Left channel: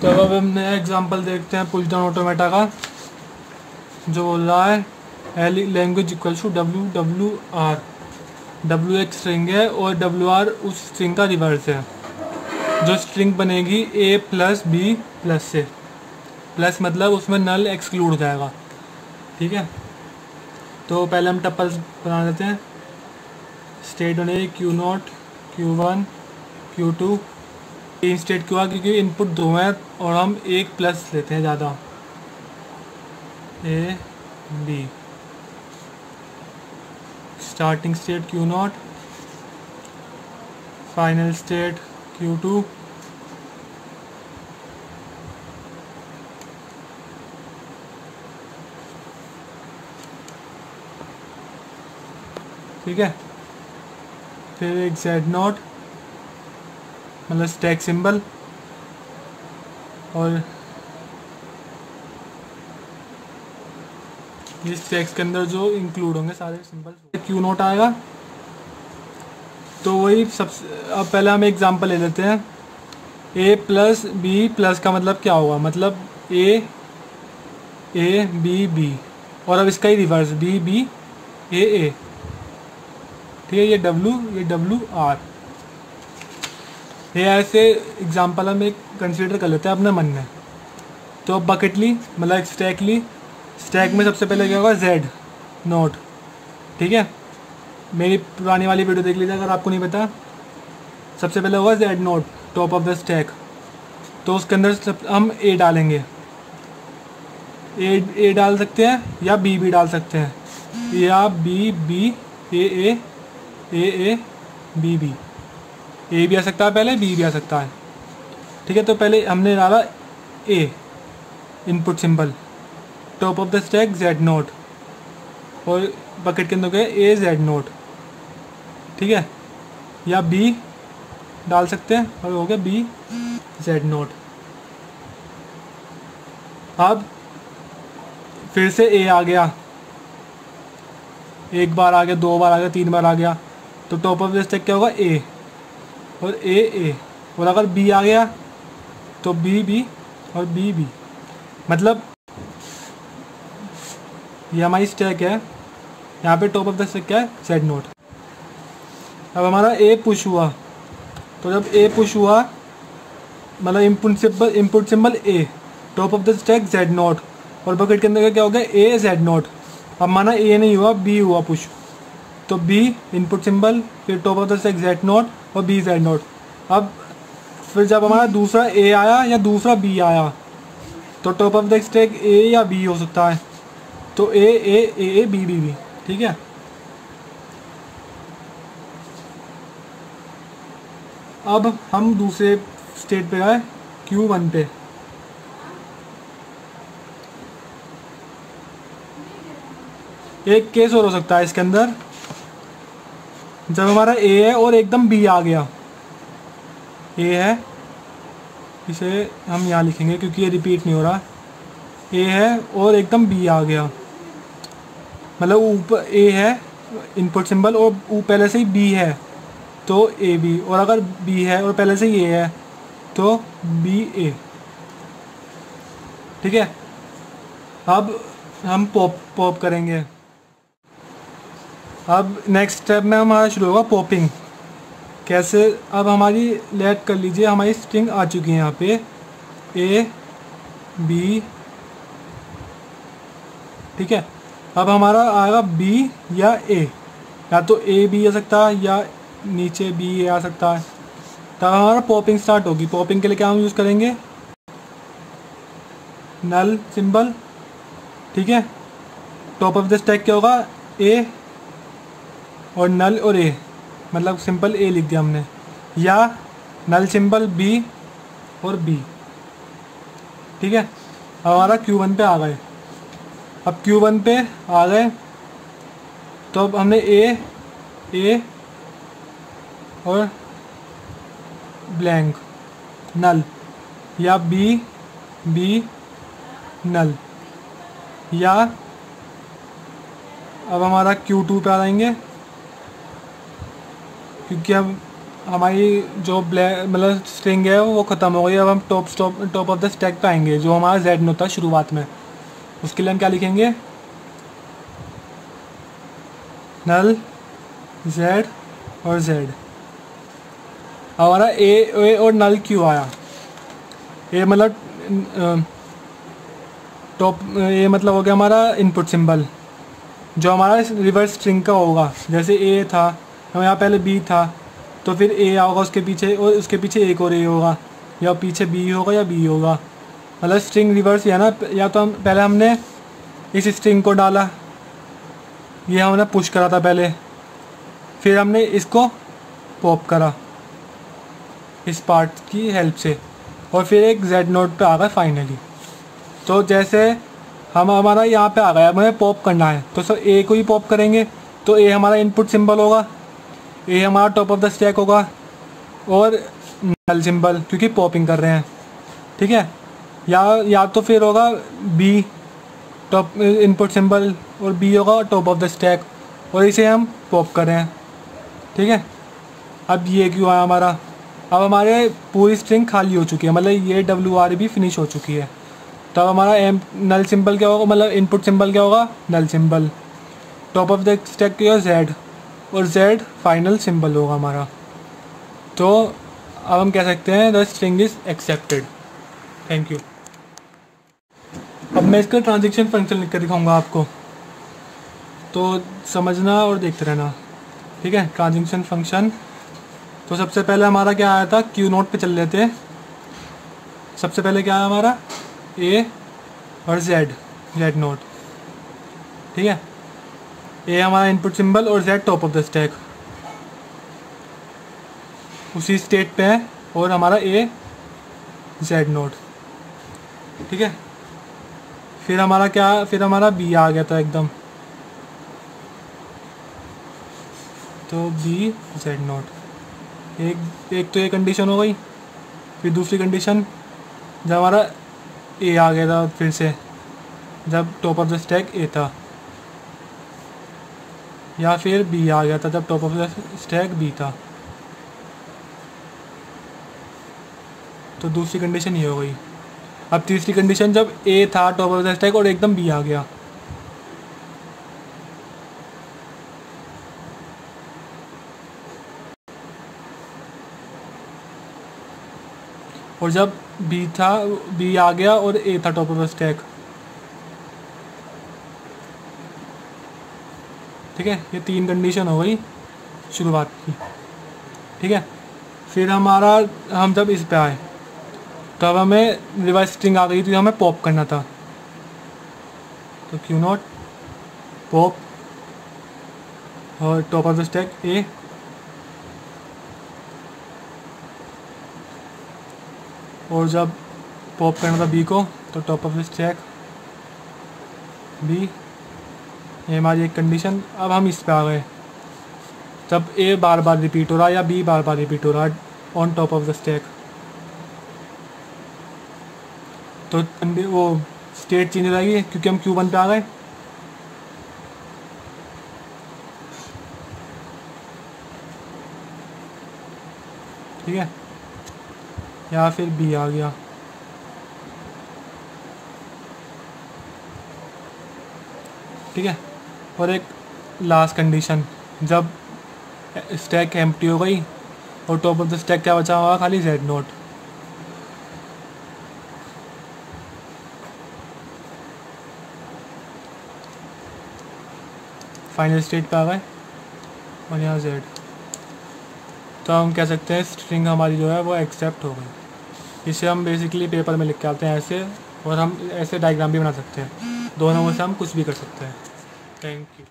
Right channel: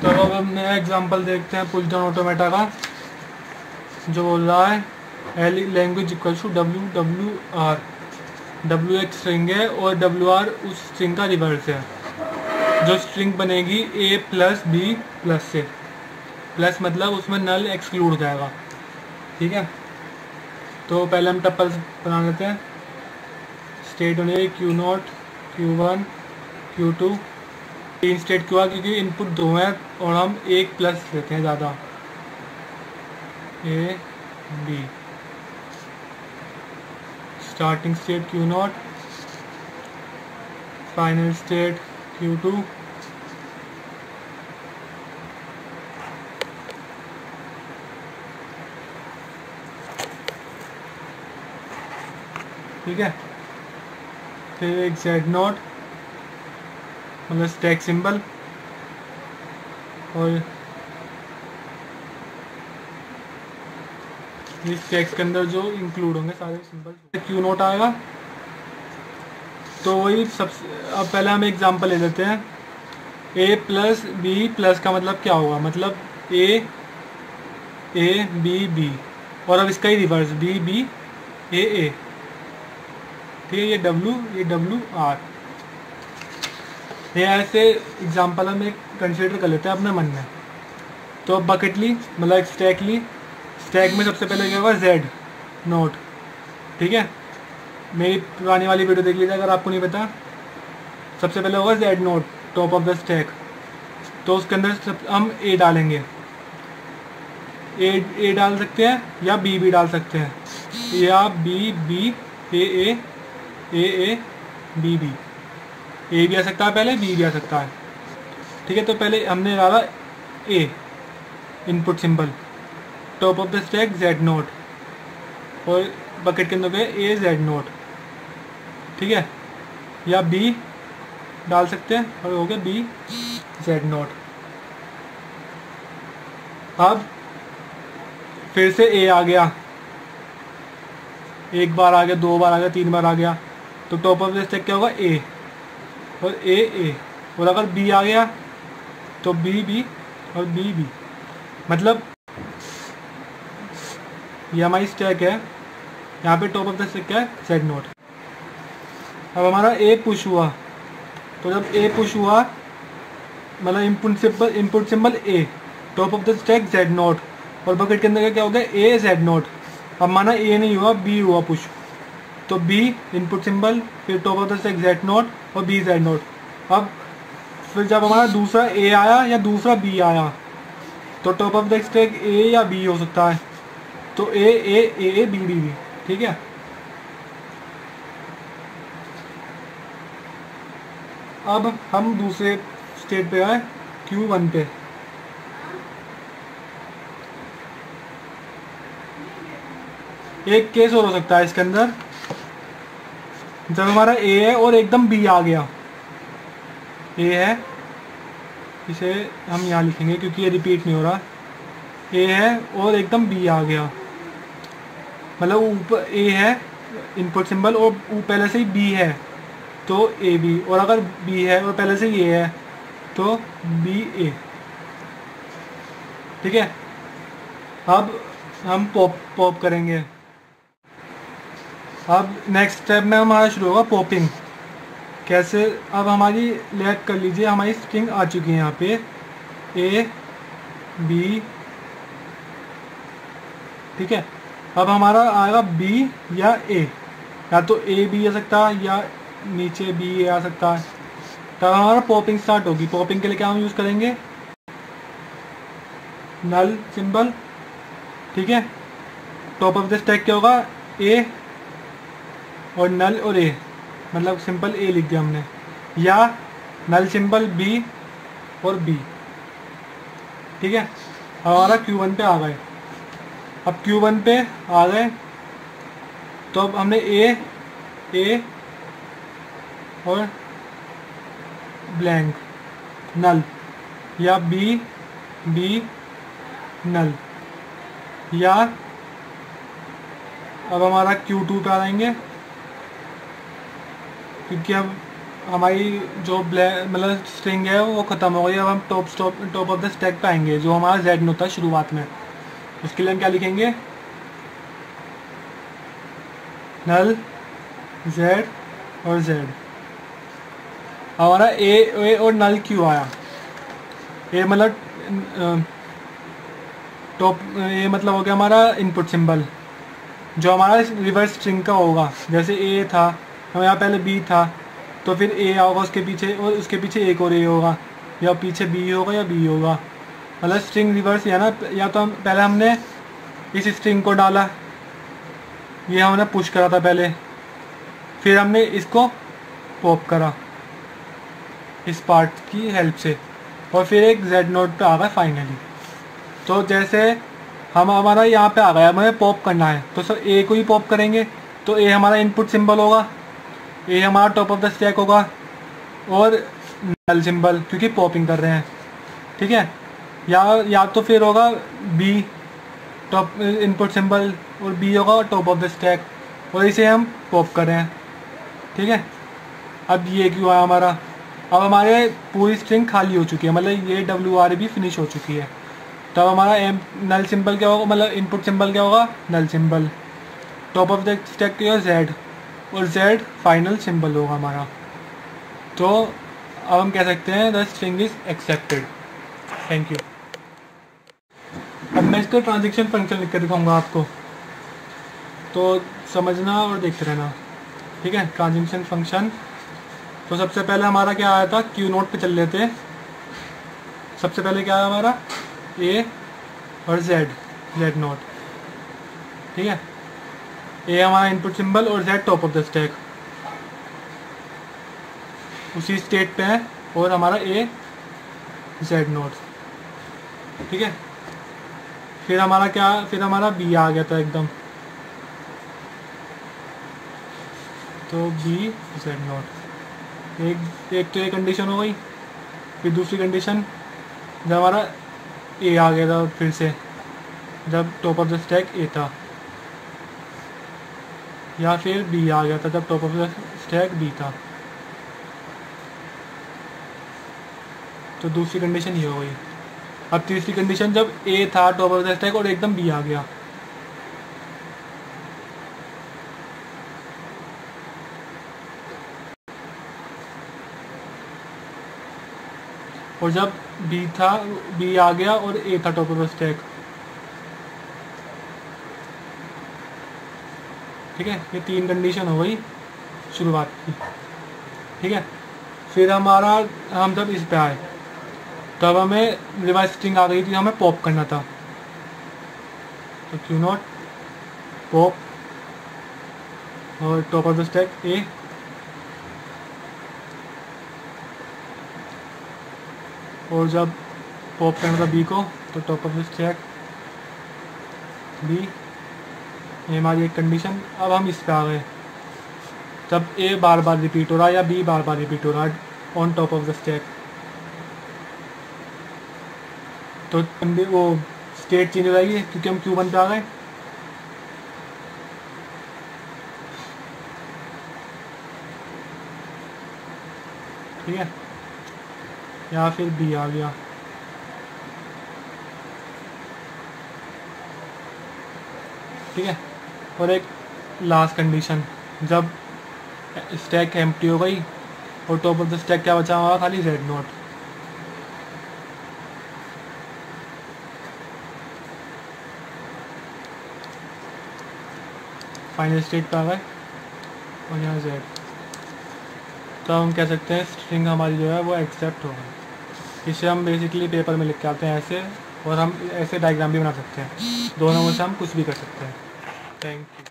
तो अब हम नया एग्जांपल देखते हैं पुश डाउन ऑटोमेटा का, जो बोल रहा है L language equal to W W R. W एक स्ट्रिंग है और डब्ल्यू आर उस स्ट्रिंग का रिवर्स है। जो स्ट्रिंग बनेगी A plus B plus C, plus मतलब उसमें नल एक्सक्लूड हो जाएगा। ठीक है, तो पहले हम टप्पल्स बना लेते हैं। स्टेट बनेगी Q naught, Q one, Q two. तीन स्टेट क्यों, क्योंकि इनपुट दो हैं और हम एक प्लस लेते हैं ज़्यादा, A B. Starting state Q naught, final state Q two, ठीक है। फिर एक जेड नॉट मतलब स्टैक सिंबल, और इस टेक्स्ट के अंदर जो इंक्लूड होंगे सारे सिंबल। क्यू नोट आएगा, तो वही सबसे अब पहले हम एग्जांपल ले लेते हैं। ए प्लस बी प्लस का मतलब क्या होगा, मतलब ए ए बी बी, और अब इसका ही रिवर्स बी बी ए। ठीक है, ये डब्ल्यू आर। ये ऐसे एग्जांपल हम एक कंसिडर कर लेते हैं अपने मन में। तो बकेट ली मतलब एक स्टैक ली, स्टैक में सबसे पहले क्या होगा जेड नोट। ठीक है, मेरी पुरानी वाली वीडियो देख लीजिए अगर आपको नहीं पता। सबसे पहले होगा Z note top of the stack, तो उसके अंदर हम ए डालेंगे। ए डाल सकते हैं या बी भी डाल सकते हैं, या B B A B B. A भी आ सकता है पहले, बी भी आ सकता है। ठीक है, तो पहले हमने डाला a input symbol, top of the stack Z naught, और बकेट के अंदर गए ए जेड नोट। ठीक है, या बी डाल सकते हैं और हो गया बी जेड नोट। अब फिर से ए आ गया, एक बार आ गया, दो बार आ गया, तीन बार आ गया, तो टॉप ऑफ द स्टैक क्या होगा ए, और ए। और अगर बी आ गया तो बी बी और बी बी। मतलब ये हमारी स्टैक है, यहाँ पे टॉप ऑफ द स्टैक क्या है जेड नोट। अब हमारा ए पुश हुआ, तो जब ए पुश हुआ मतलब input symbol A, top of the stack Z naught, और बकेट के अंदर क्या हो गया ए जेड नोट। अब माना ए नहीं हुआ, बी हुआ पुश, तो बी इनपुट सिंबल, फिर top of the stack Z naught और बी जेड नोट। अब फिर जब हमारा दूसरा ए आया या दूसरा बी आया, तो टॉप ऑफ द स्टैक ए या बी हो सकता है, तो ए बी बी बी। ठीक है, अब हम दूसरे स्टेट पे आए Q1 पे। एक केस और हो सकता है इसके अंदर, जब हमारा ए है और एकदम बी आ गया। ए है, इसे हम यहाँ लिखेंगे क्योंकि ये रिपीट नहीं हो रहा। ए है और एकदम बी आ गया, मतलब ऊपर ए है इनपुट सिंबल और पहले से ही बी है तो ए बी, और अगर बी है और पहले से ही ए है तो बी ए। ठीक है, अब हम पॉप करेंगे। अब नेक्स्ट स्टेप में हमारा शुरू होगा पॉपिंग। कैसे, अब हमारी लेट कर लीजिए, हमारी स्ट्रिंग आ चुकी है यहाँ पे ए बी। ठीक है, अब हमारा आएगा बी या ए, या तो ए बी आ सकता है या नीचे बी ए आ सकता है। तब हमारा पॉपिंग स्टार्ट होगी। पॉपिंग के लिए क्या हम यूज़ करेंगे, नल सिंबल। ठीक है, टॉप ऑफ द स्टैक क्या होगा ए और नल और ए, मतलब सिंपल ए लिख दिया हमने, या नल सिंबल बी और बी। ठीक है, अब हमारा Q1 पे आ गए। अब Q1 पे आ गए तो अब हमने ए और ब्लैंक नल, या बी नल, या अब हमारा Q2 पे आ जाएंगे क्योंकि हम हमारी जो ब्लैक मतलब स्ट्रिंग है वो ख़त्म हो गई। अब हम टॉप ऑफ द स्टैक पे आएंगे जो हमारा जेड नोट था शुरुआत में। इसके लिए हम क्या लिखेंगे, नल जेड और जेड। हमारा ए और नल क्यों आया, ए मतलब टॉप, ये मतलब हो गया हमारा इनपुट सिंबल जो हमारा रिवर्स स्ट्रिंग का होगा। जैसे ए था और यहाँ पहले बी था, तो फिर ए होगा उसके पीछे और उसके पीछे एक और ए होगा, या पीछे बी होगा या बी होगा, मतलब स्ट्रिंग रिवर्स या ना। या तो हम पहले हमने इस स्ट्रिंग को डाला, ये हमने पुश करा था पहले, फिर हमने इसको पॉप करा इस पार्ट की हेल्प से, और फिर एक जेड नोट पे आ गया फाइनली। तो जैसे हम हमारा यहाँ पे आ गया, हमें पॉप करना है तो सर ए को ही पॉप करेंगे। तो ए हमारा इनपुट सिंबल होगा, ए हमारा टॉप ऑफ द स्टैक होगा, और नल सिंबल क्योंकि पॉपिंग कर रहे हैं, ठीक है। या तो फिर होगा बी टॉप इनपुट सिंबल और बी होगा टॉप ऑफ द स्टैक, और इसे हम पॉप कर रहे हैं, ठीक है। अब ये क्यों आया हमारा, अब हमारे पूरी स्ट्रिंग खाली हो चुकी है, मतलब ये WR भी फिनिश हो चुकी है। तो अब हमारा एम नल सिंबल क्या होगा, मतलब इनपुट सिंबल क्या होगा, null symbol, top of the stack क्या जेड, और जेड फाइनल सिंबल होगा हमारा। तो अब हम कह सकते हैं the string is accepted. Thank you. अब मैं इसका ट्रांजैक्शन फंक्शन लिख कर दिखाऊंगा आपको, तो समझना और देखते रहना, ठीक है। ट्रांजैक्शन फंक्शन, तो सबसे पहले हमारा क्या आया था, क्यू नोट पे चल रहे थे। सबसे पहले क्या आया हमारा, ए और जेड नोट, ठीक है। ए हमारा इनपुट सिंबल और Z top of the stack, उसी स्टेट पे है, और हमारा ए जेड नोट, ठीक है। फिर हमारा क्या, फिर हमारा बी आ गया था एकदम, तो बी जेड नोट। एक तो ये कंडीशन हो गई। फिर दूसरी कंडीशन जब हमारा ए आ गया था फिर से, जब top of the stack A था, या फिर बी आ गया था जब top of the stack B था। तो दूसरी कंडीशन ये हो गई। अब तीसरी कंडीशन जब ए था टॉप ऑफ द स्टैक और एकदम बी आ गया, और जब बी था, बी आ गया और ए था टॉप ऑफ द स्टैक, ठीक है। ये तीन कंडीशन हो गई शुरुआत की, ठीक है। फिर हमारा, हम जब इस पे आए तब हमें रिवर्स स्ट्रिंग आ गई थी, हमें पॉप करना था। तो क्यू नॉट पॉप और top of the stack A, और जब पॉप करना था बी को तो top of the stack B. ये हमारी एक कंडीशन। अब हम इस पे आ गए, जब ए बार बार रिपीट हो रहा है या बी बार बार रिपीट हो रहा है on top of the stack, तो वो स्टेट चेंज हो जाएगी क्योंकि हम Q1 पे आ गए। ठीक है, या फिर बी आ गया। ठीक है, और एक लास्ट कंडीशन, जब स्टैक एम्प्टी हो गई और टॉप ऑफ द स्टैक क्या बचा हुआ, खाली जेड नोट। फाइनल स्टेट पे आ गए और यहाँ जेड। तो हम कह सकते हैं स्ट्रिंग हमारी जो है वो एक्सेप्ट हो गई। इसे हम बेसिकली पेपर में लिख के आते हैं ऐसे, और हम ऐसे डायग्राम भी बना सकते हैं। दोनों में से हम कुछ भी कर सकते हैं। Thank you.